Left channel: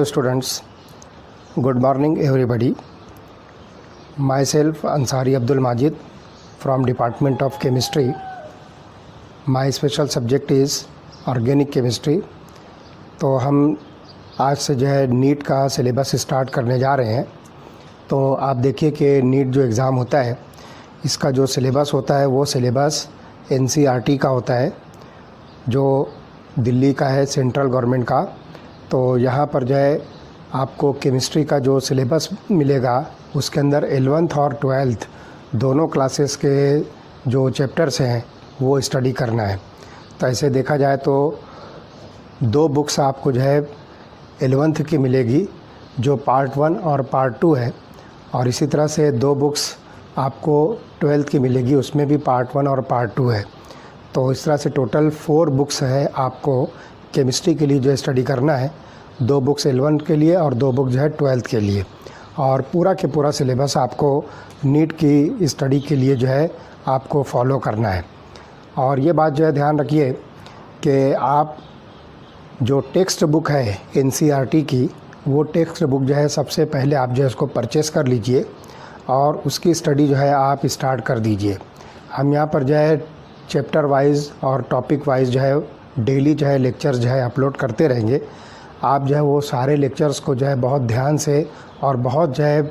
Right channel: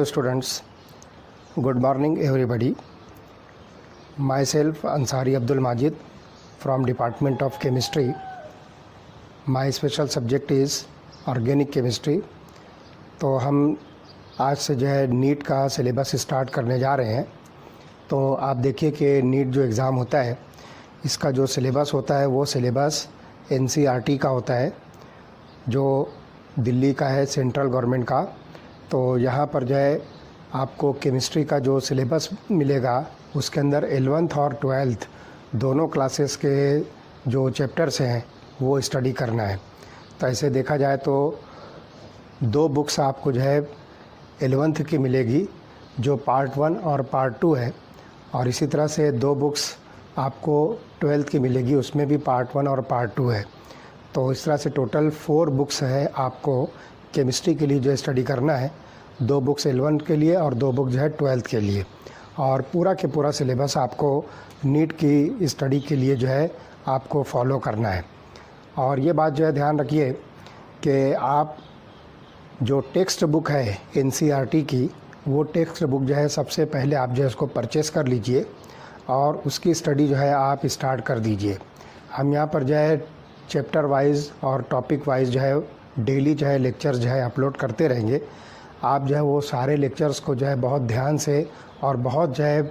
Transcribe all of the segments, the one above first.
Hello students, good morning everybody. Myself Ansari Abdul Majid from Department of Chemistry. My special subject is Organic Chemistry. तो हम आज से जो है NEET का सिलेबस स्टार्ट करने जा रहे हैं। तो आप देखिए कि नीट जो एग्ज़ाम होता है इसका जो सिलेबस होता है वो सिलेबस NCERT का होता है, जो दिल्ली का है, सेंट्रल गवर्नमेंट का। तो यहाँ पर जो है आपको केमिस्ट्री का जो सिलेबस मिलेगा उसके अंदर 11th और 12th दोनों क्लासेस के जो चैप्टर्स हैं वो स्टडी करना है। तो ऐसे देखा जाए तो 2 बुक्स आपको जो है 11th की मिलेगी जो पार्ट 1 और पार्ट 2 है, और इसी तरह से 2 बुक्स आपको 12th की मिलेगी, उसमें भी पार्ट 1 और पार्ट 2 है। तो इस तरह से टोटल 4 बुक्स है आपको केमिस्ट्री के लिए जो स्टडी करना है। 2 बुक्स 11th के लिए और 2 बुक जो है 12th के लिए, और पूरा के पूरा सिलेबस आपको नीट की स्टडी के लिए जो है आपको फॉलो करना है। और ये बात जो है ध्यान रखिए कि आप जो टेक्स्ट बुक है NCERT की, वो टेक्स्ट बुक जो है सबसे पहले आप जो है उसको परचेस कर लीजिए और उसकी स्टडी जो है आप स्टार्ट कर दीजिए। हम यहाँ पर जो है चैप्टर वाइज और टॉपिक वाइज जो है डेली जो है लेक्चर्स जो है अपलोड करते रहेंगे। आप जो है वो सारे लेक्चर्स को जो है बहुत ध्यान से और बहुत जो है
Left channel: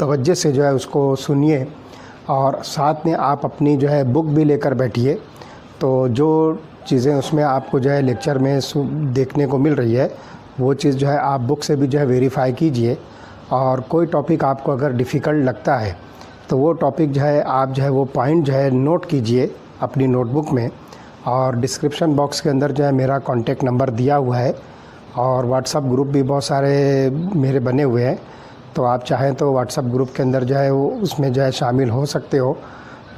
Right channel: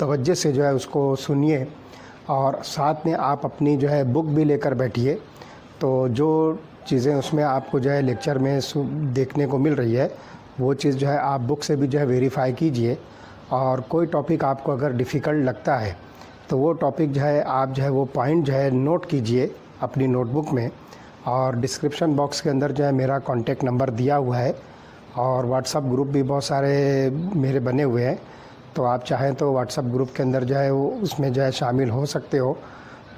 तवज्जो से जो है उसको सुनिए, और साथ में आप अपनी जो है बुक भी लेकर बैठिए। तो जो चीज़ें उसमें आपको जो है लेक्चर में देखने को मिल रही है वो चीज़ जो है आप बुक से भी जो है वेरीफाई कीजिए। और कोई टॉपिक आपको अगर डिफ़िकल्ट लगता है तो वो टॉपिक जो है आप जो है वो पॉइंट जो है नोट कीजिए अपनी नोटबुक में। और डिस्क्रिप्शन बॉक्स के अंदर जो है मेरा कॉन्टेक्ट नंबर दिया हुआ है, और व्हाट्सअप ग्रुप भी बहुत सारे मेरे बने हुए हैं। तो आप चाहें तो व्हाट्सअप ग्रुप के अंदर जो है वो उसमें जो है शामिल हो सकते हो।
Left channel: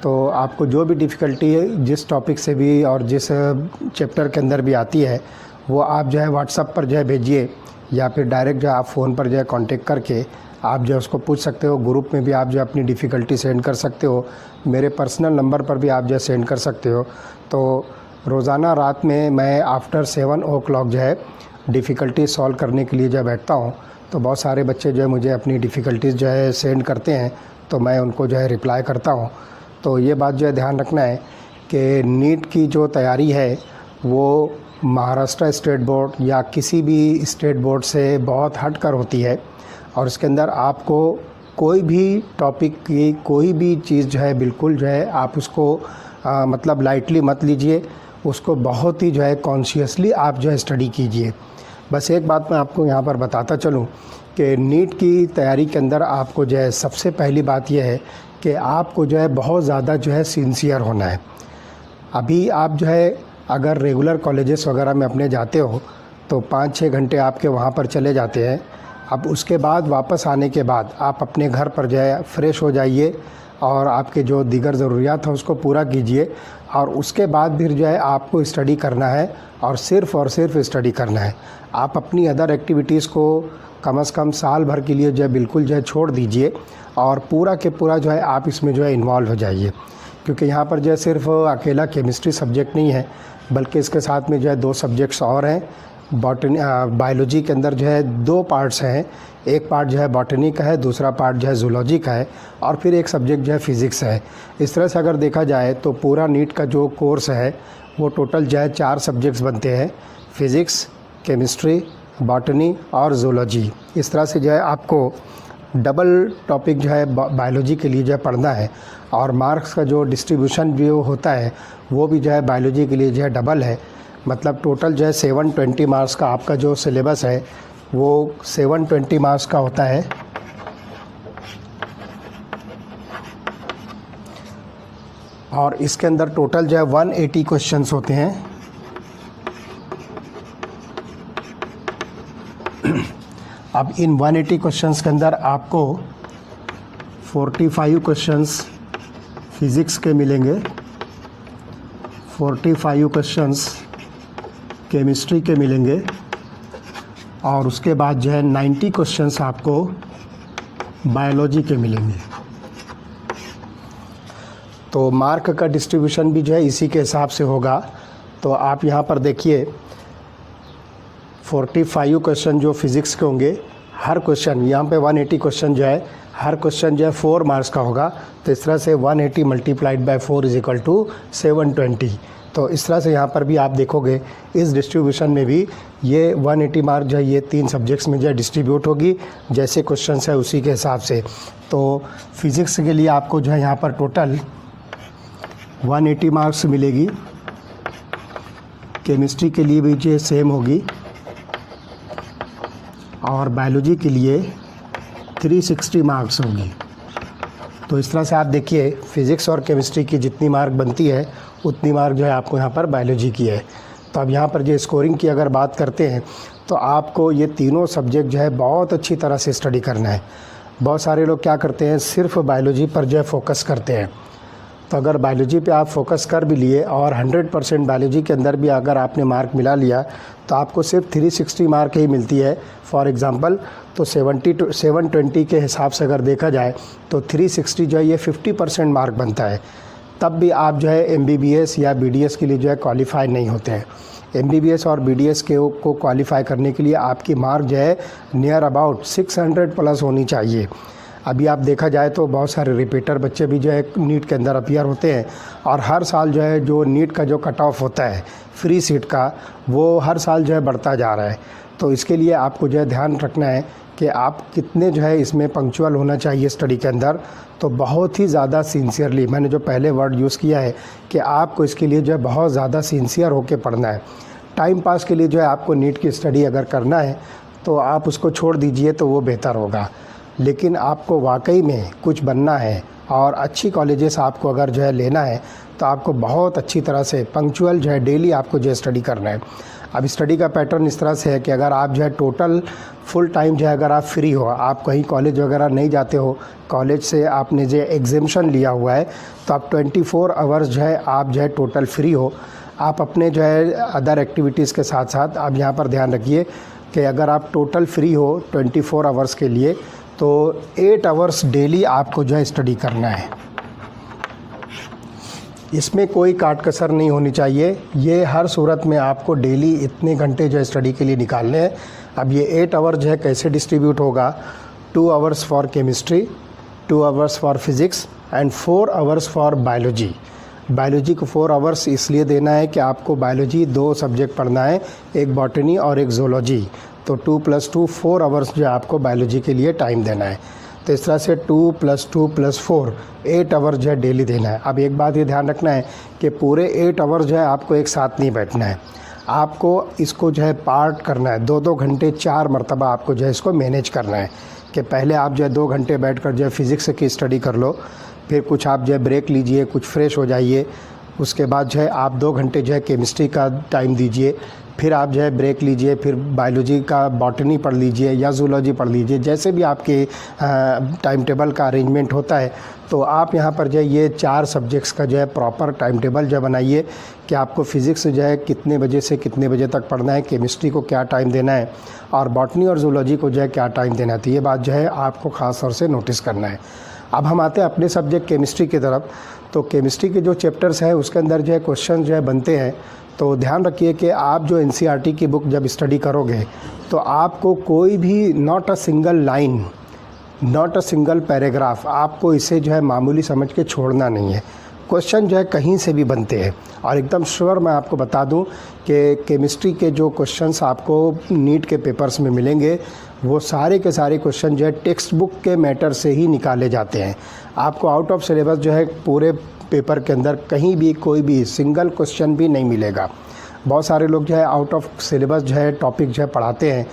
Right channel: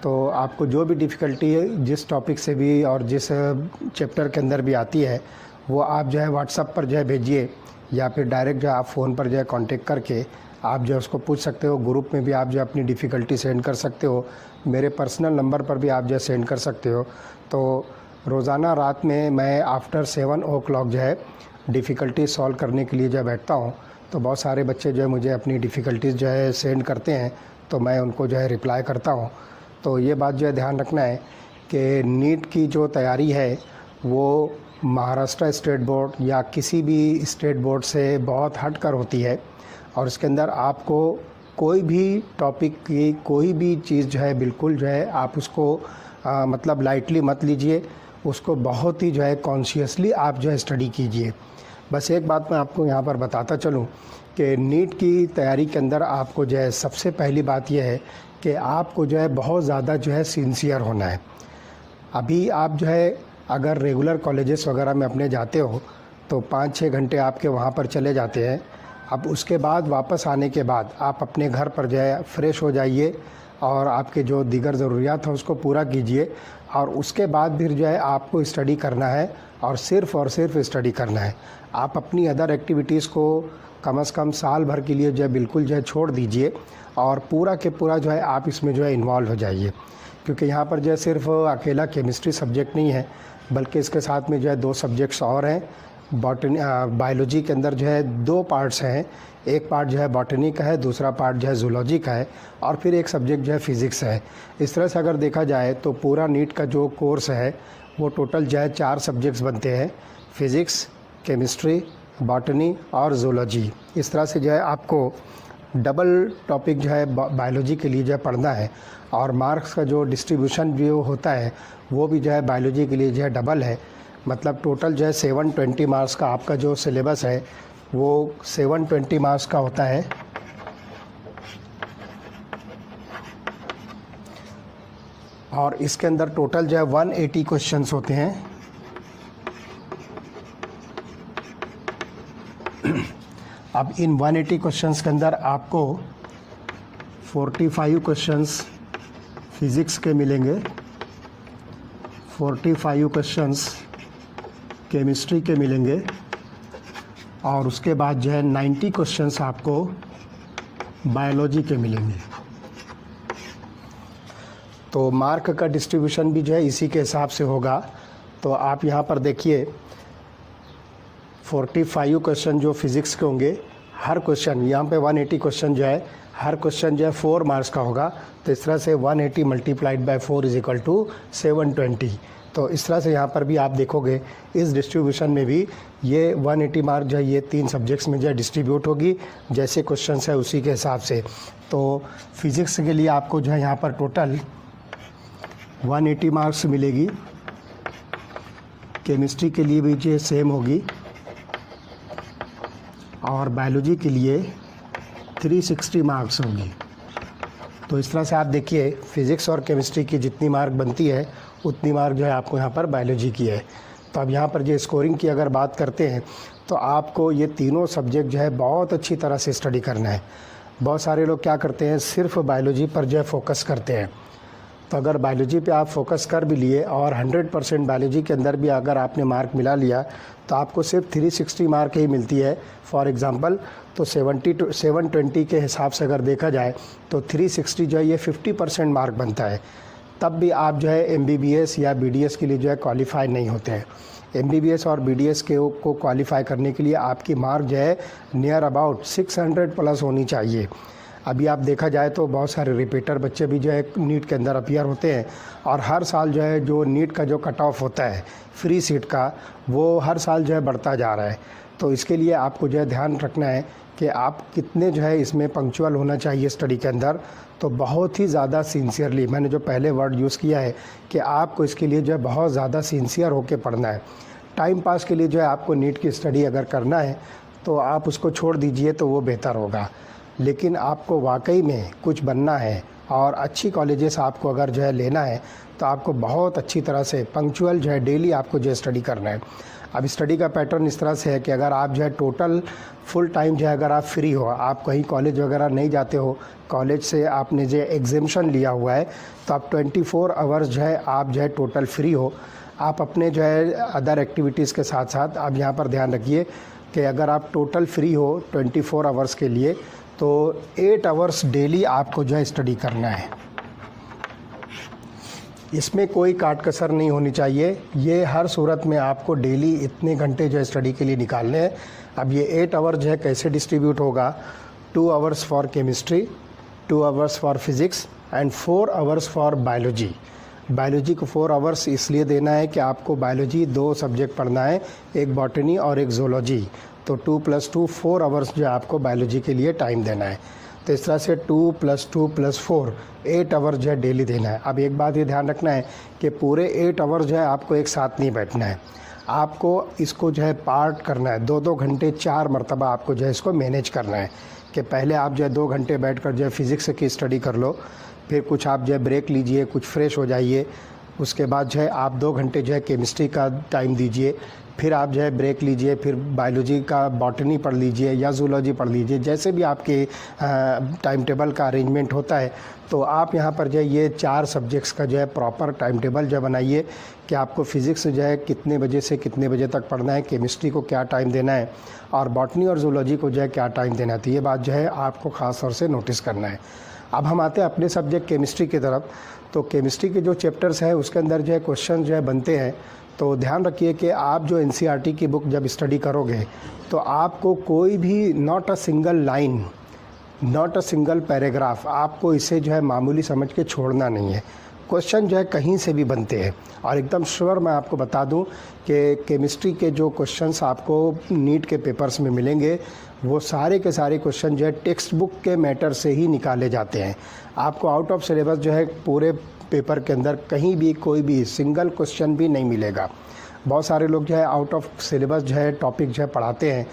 तो आपको जो भी डिफ़िकल्टी है जिस टॉपिक से भी और जिस चैप्टर के अंदर भी आती है वो आप जो है व्हाट्सअप पर जो है भेजिए, या फिर डायरेक्ट जो है आप फ़ोन पर जो है कॉन्टेक्ट करके आप जो है उसको पूछ सकते हो। ग्रुप में भी आप जो अपनी डिफ़िकल्टी सेंड कर सकते हो, मेरे पर्सनल नंबर पर भी आप जो है सेंड कर सकते हो। तो रोज़ाना रात में मैं आफ्टर 7 o'clock जो है डिफ़िकल्टी सॉल्व करने के लिए जब बैठता हूँ तो बहुत सारे बच्चे जो है मुझे अपनी डिफ़िकल्टीज़ जो है सेंड करते हैं, तो मैं उनको जो है रिप्लाई करता हूँ। तो ये बात जो है ध्यान रखना है कि नीट की जो तैयारी है वो महाराष्ट्र स्टेट बोर्ड या किसी भी स्टेट बोर्ड से बहुत हट कर होती है, और इसके अंदर आपको कोई भी टॉपिक की कोई भी चीज़ जो है बिल्कुल जो है आप उसको मतलब लाइटली मत लीजिए, उसको बहुत ही जो है कॉन्शियसली आप जो है स्टडी कीजिए। बस एक बात मैं आपको यहाँ पर बताता चलूँ कि नीट की तैयारी के अंदर आपको जो है सबसे पहली बात यह है कि आपको जो है बहुत ज़्यादा जो है सिंसियर होना है। अभी आप जो है अगर रेगुलर कॉलेजेस वगैरह में अपने जाते हो तो 5-6 घंटे आपके वहाँ पर चले जाते हैं। अब उसके बाद वापस आने के बाद आप अपने घर पर जो है फ्रेश हो जाइए और आपके जो दीगर ज़रूरियात है उसको पूरा कीजिए, और उसके बाद फिर जो है आपको स्टडी करना है और सिर्फ़ स्टडी करना है। आप अपनी अदर एक्टिविटीज़ को कम से कम साल भर के लिए जो है बिल्कुल जो है छोड़ दीजिए, और पूरा के पूरा जो है आप इसमें जो है इन्वॉल्व हो जाइए। क्योंकि यहाँ पर जो है सिर्फ अकेला केमिस्ट्री सब्जेक्ट नहीं है, बल्कि इसके साथ में जो है 2 सब्जेक्ट्स और हैं। बायोलॉजी के अंदर जो है 2 पार्ट्स हैं, एक पार्ट जो है बॉटनी का है, दूसरा पार्ट जो है जूलॉजी का है, और फिर एक सब्जेक्ट जो है फिज़िक्स है। इस तरह से अगर देखा जाए तो पूरा नीट का जो कोर्स है वो टोटल जो है 4 सब्जेक्ट्स बनते हैं, फिज़िक्स, केमिस्ट्री, बॉटनी और जूलॉजी। इस तरह से जो है आपको डबल टॉपिक जो है बायोलॉजी के लिए जो है पढ़ना है, और मार्क्स का जो डिस्ट्रीब्यूशन भी होता है वो भी जो है बायोलॉजी के लिए जो है डबल है। मतलब टोटल जो है 720 मार्क्स का आपका जो सिलेबस है वो 720 मार्क्स का होता है। और इसके अंदर टोटल जो है 180 क्वेश्चंस होते हैं। अब इन 180 क्वेश्चंस के अंदर आपको 45 क्वेश्चंस फिज़िक्स के मिलेंगे, 45 क्वेश्चंस केमिस्ट्री के मिलेंगे, और उसके बाद जो है 90 क्वेश्चंस आपको बायोलॉजी के मिलेंगे। तो मार्क का डिस्ट्रीब्यूशन भी जो है इसी के हिसाब से होगा। तो आप यहाँ पर देखिए 45 क्वेश्चन जो फिज़िक्स के होंगे, हर क्वेश्चन यहाँ पे 180 क्वेश्चन जो है, हर क्वेश्चन जो है 4 मार्क्स का होगा। तो इस तरह से 180 multiplied by 4 is equal to 720। तो इस तरह से यहाँ पर भी आप देखोगे इस डिस्ट्रीब्यूशन में भी ये 180 मार्क जो है ये 3 सब्जेक्ट्स में जो है डिस्ट्रीब्यूट होगी, जैसे क्वेश्चन है उसी के हिसाब से। तो फिज़िक्स के लिए आपको जो है यहाँ पर टोटल 180 मार्क्स मिलेगी, केमिस्ट्री के लिए भी जो सेम होगी, और बायोलॉजी के लिए 360 मार्क्स होगी। तो इस तरह से आप देखिए फिज़िक्स और केमिस्ट्री की जितनी मार्क बनती है उतनी मार्क जो है आपको यहाँ पर बायोलॉजी की है। तो अब यहाँ पर जो स्कोरिंग की अगर बात करते हैं तो आपको ये तीनों सब्जेक्ट जो है बहुत अच्छी तरह से स्टडी करना है। बहुत सारे लोग क्या करते हैं, सिर्फ बायोलॉजी पर जो है फोकस करते हैं। तो अगर बायोलॉजी पे आप फोकस कर भी लिए और 100% बायोलॉजी के अंदर भी अगर आपने मार्क मिला लिया तो आपको सिर्फ 360 मार्क ही मिलती है। फॉर एग्ज़ाम्पल तो 720 के हिसाब से अगर देखा जाए तो 360 जो है ये 50% मार्क बनता है। तब भी आप जो है MBBS या BDS के लिए जो है क्वालिफाई नहीं होते हैं। MBBS और BDS को क्वालिफाई करने के लिए आपकी मार्क जो है नियर अबाउट 600 प्लस होनी चाहिए। अभी आप देखा जाए तो बहुत सारे रिपीटर बच्चे भी जो है नीट के अंदर अपीयर होते हैं, और हर साल जो है जो नीट का जो कट ऑफ होता है फ्री सीट का, वो हर साल जो है बढ़ता जा रहा है। तो इसके लिए आपको जो है ध्यान रखना है कि आप कितने जो है इसमें पंक्चुअल होना चाहिए स्टडी के अंदर। तो बहुत ही ज़्यादा सिंसियरली, मैंने जो पहले वर्ड यूज़ किया है कि आपको इसके लिए जो है बहुत ज़्यादा सिंसियर होकर पढ़ना है। टाइम पास के लिए जो है आपको नीट की स्टडी अगर करना है तो आप उसको छोड़ दीजिए तो वो बेहतर होगा। लेकिन आपको वाकई में कुछ बनना है और अच्छी कॉलेजेस आपको अगर जो है लेना है तो आपको बहुत अच्छी तरह से पंक्चुअल जो है डेली आपको जो है स्टडी करना है। अब स्टडी का पैटर्न इस तरह से है कि अगर आप जो है टोटल फुल टाइम जो है अगर आप फ्री हो, आप कहीं कॉलेज वगैरह नहीं जाते हो, कॉलेज से आपने जो एग्जेम्पशन लिया हुआ है, तो आप 24 आवर्स जो है आप जो है टोटल फ्री हो। आप अपने जो है अदर एक्टिविटीज़ के साथ साथ आप यहाँ पर ध्यान रखिए कि अगर आप टोटल फ्री हो 24 आवर्स के लिए तो 8 आवर्स डेली आपको जो है स्टडी करना है। इसमें कोई काट कसर नहीं होनी चाहिए। ये हर सूरत में आपको डेली इतने घंटे जो है स्टडी के लिए निकालने हैं। अब ये 8 आवर जो है कैसे डिस्ट्रीब्यूट होगा, 2 hours for chemistry, 2 hours for physics and 4 hours for biology. Biology को 4 आवर्स इसलिए देना है कि आपको बायोलॉजी 2 सब्जेक्ट पढ़ना है, एक बॉटनी और एक ज़ूलॉजी। तो 2 + 2 4 आवर्स जो है आपको बायोलॉजी के लिए टाइम देना है। तो इस तरह से 2 + 2 + 4 8 आवर जो है डेली देना है। अब एक बात ये ध्यान रखना है कि पूरे 8 आवर्स जो है आपको एक साथ नहीं बैठना है, आपको इसको जो है पार्ट करना है। 2-2 घंटे 4 मरतबा आपको जो है इसको मैनेज करना है कि पहले आप जो है 2 घंटे बैठकर जो है फिज़िक्स की स्टडी कर लो, फिर कुछ आप जो है ब्रेक लीजिए, कुछ फ्रेश हो जाइए, उसके बाद जो है आप 2 घंटे जो है केमिस्ट्री का टाइम दीजिए, फिर आप जो है ब्रेक लीजिए, फिर बायोलॉजी का बॉटनी पढ़ लीजिए या ज़ूलॉजी पढ़ लीजिए, जैसे भी आपके टाइम टेबल का अरेंजमेंट होता है। तो आप यहाँ पर जो है ये 4 सब्जेक्ट्स का जो है प्रॉपर टाइम टेबल जो बनाइए कि आपको फ़िज़िक्स जो है कितने बजे से कितने बजे तक पढ़ना है, केमिस्ट्री को क्या टाइम देना है, और बॉटनी और ज़ूलॉजी को जो है क्या टाइम देना है। तो ये बात जो है आपको ख़ास तौर से नोटिस करना है। अब हम आते हैं अपने सब्जेक्ट केमिस्ट्री की तरफ। तो केमिस्ट्री के जो चैप्टर्स हैं उसके अंदर जो है क्वेश्चन जो है बनते हैं। तो ध्यान रखिए कि आप जो NCERT की बुक जब स्टडी करोगे तो आपको कोई भी not a single line, not a single paragraph, आपको इसे जो है मामूली समझ के छोड़ना नहीं है। क्वेश्चन जो है कहीं से भी बनते हैं, और एकदम श्योर मैं आपको बता दूं कि केमिस्ट्री के जो क्वेश्चंस आपको नीट के पेपर्स में मिलेंगे वो सारे के सारे क्वेश्चन जो है टेक्स्ट बुक के मैटर से ही निकाले जाते हैं। आपको आउट ऑफ सिलेबस जो है पूरे पेपर के अंदर कहीं भी कोई भी सिंगल क्वेश्चन भी नहीं मिलेगा। बहुत सारे लोग जो है आउट ऑफ सिलेबस जो है टॉपिक जो है पढ़ाते हैं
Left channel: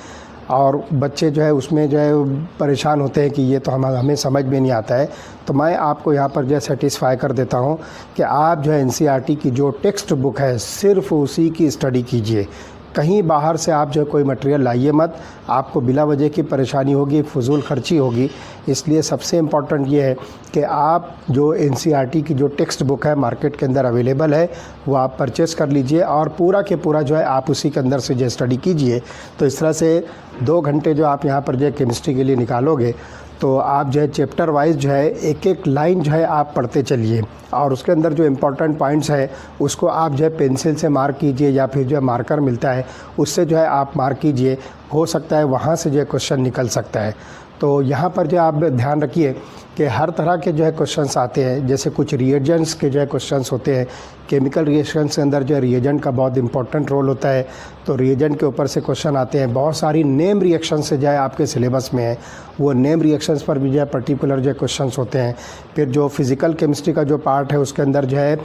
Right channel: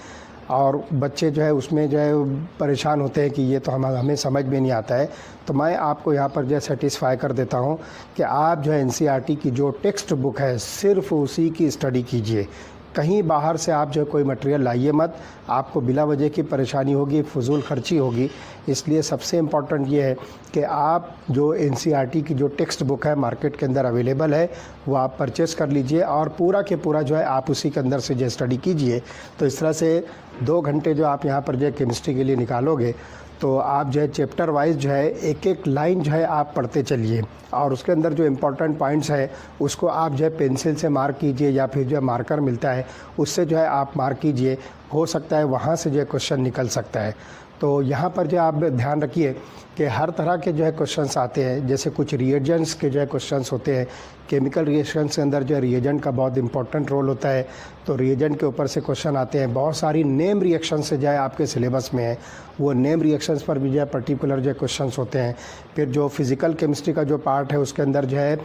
और बच्चे जो है उसमें जो है परेशान होते हैं कि ये तो हमें समझ में नहीं आता है। तो मैं आपको यहाँ पर जो है सेटिस्फाई कर देता हूँ कि आप जो है NCERT की जो टेक्स्ट बुक है सिर्फ उसी की स्टडी कीजिए। कहीं बाहर से आप जो कोई मटेरियल लाइए मत, आपको बिला वजह की परेशानी होगी, फजूल खर्ची होगी। इसलिए सबसे इम्पॉर्टेंट ये है कि आप जो NCERT की जो टेक्स्ट बुक है मार्केट के अंदर अवेलेबल है वो आप परचेस कर लीजिए और पूरा के पूरा जो है आप उसी के अंदर से जो स्टडी कीजिए। तो इस तरह से 2 घंटे जो आप यहाँ पर जो है केमिस्ट्री के लिए निकालोगे, तो आप जो है चैप्टर वाइज जो है एक एक लाइन जो है आप पढ़ते चलिए, और उसके अंदर जो इम्पोर्टेंट पॉइंट्स है उसको आप जो है पेंसिल से मार्क कीजिए, या फिर जो है मार्कर मिलता है उससे जो है आप मार्क कीजिए। हो सकता है वहाँ से जो है क्वेश्चन निकल सकता है। तो यहाँ पर जो आप ध्यान रखिए कि हर तरह के जो है क्वेश्चंस आते हैं। जैसे कुछ रिएजेंट्स के जो है क्वेश्चंस होते हैं, केमिकल रिएक्शंस के अंदर जो है रिएजेंट का बहुत इंपॉर्टेंट रोल होता है, तो रिएजेंट के ऊपर से क्वेश्चन आते हैं। बहुत सारी नेम रिएक्शन से जो है आपके सिलेबस में है, वो नेम रिएक्शंस पर भी जो है पर्टिकुलर जो है क्वेश्चंस होते हैं। फिर जो फिज़िकल केमिस्ट्री का जो पार्ट है उसके अंदर जो है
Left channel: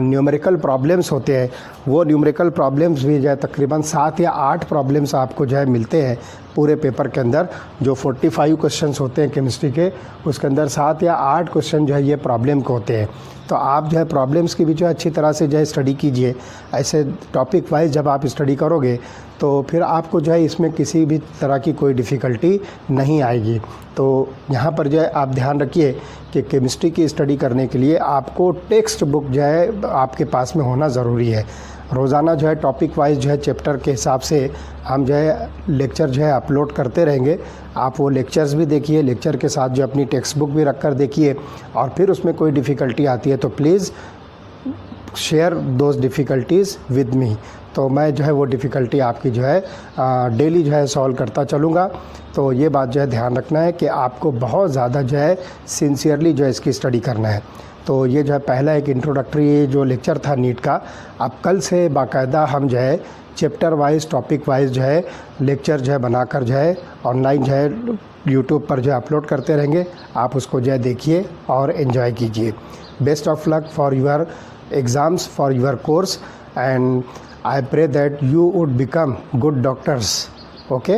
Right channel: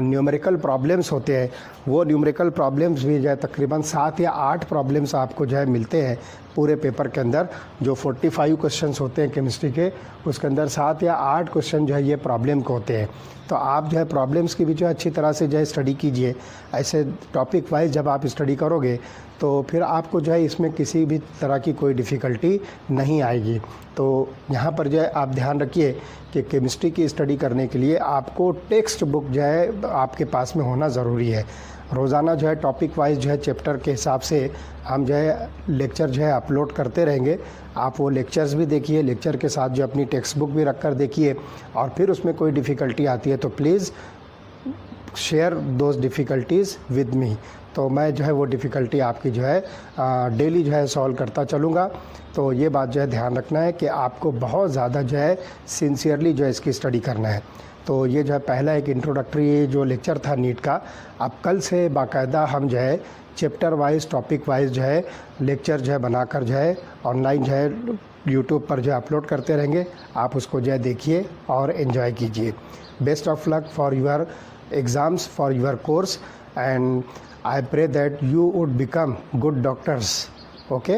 न्यूमेरिकल प्रॉब्लम्स होते हैं, वो न्यूमेरिकल प्रॉब्लम्स भी जो है तकरीबन 7 या 8 प्रॉब्लम्स आपको जो है मिलते हैं पूरे पेपर के अंदर। जो 45 क्वेश्चंस होते हैं केमिस्ट्री के, उसके अंदर 7 या 8 क्वेश्चन जो है ये प्रॉब्लम के होते हैं। तो आप जो है प्रॉब्लम्स की भी जो है अच्छी तरह से जो है स्टडी कीजिए। ऐसे टॉपिक वाइज जब आप स्टडी करोगे तो फिर आपको जो है इसमें किसी भी तरह की कोई डिफ़िकल्टी नहीं आएगी। तो यहाँ पर जो है आप ध्यान रखिए कि केमिस्ट्री की स्टडी करने के लिए आपको टेक्स्ट बुक जो है आपके पास में होना ज़रूरी है। रोज़ाना जो है टॉपिक वाइज जो है चैप्टर के हिसाब से हम जो है लेक्चर जो है अपलोड करते रहेंगे। आप वो लेक्चर्स भी देखिए, लेक्चर के साथ जो अपनी टेक्स्ट बुक भी रख कर देखिए, और फिर उसमें कोई डिफ़िकल्टी आती है तो please share those difficulties with me. तो मैं जो है वो डिफ़िकल्टी आपकी जो है डेली जो है सॉल्व करता चलूँगा। तो ये बात जो है ध्यान रखना है कि आपको बहुत ज़्यादा जो है सिंसियरली जो है इसकी स्टडी करना है। तो ये जो है पहला एक इंट्रोडक्टरी जो लेक्चर था नीट का। अब कल से बाकायदा हम जो है चैप्टर वाइज टॉपिक वाइज जो है लेक्चर जो है बनाकर जो है ऑनलाइन जो है यूट्यूब पर जो है अपलोड करते रहेंगे। आप उसको जो है देखिए और एंजॉय कीजिए। Best of luck for your exams, for your course, and I pray that you would become good doctors. Okay.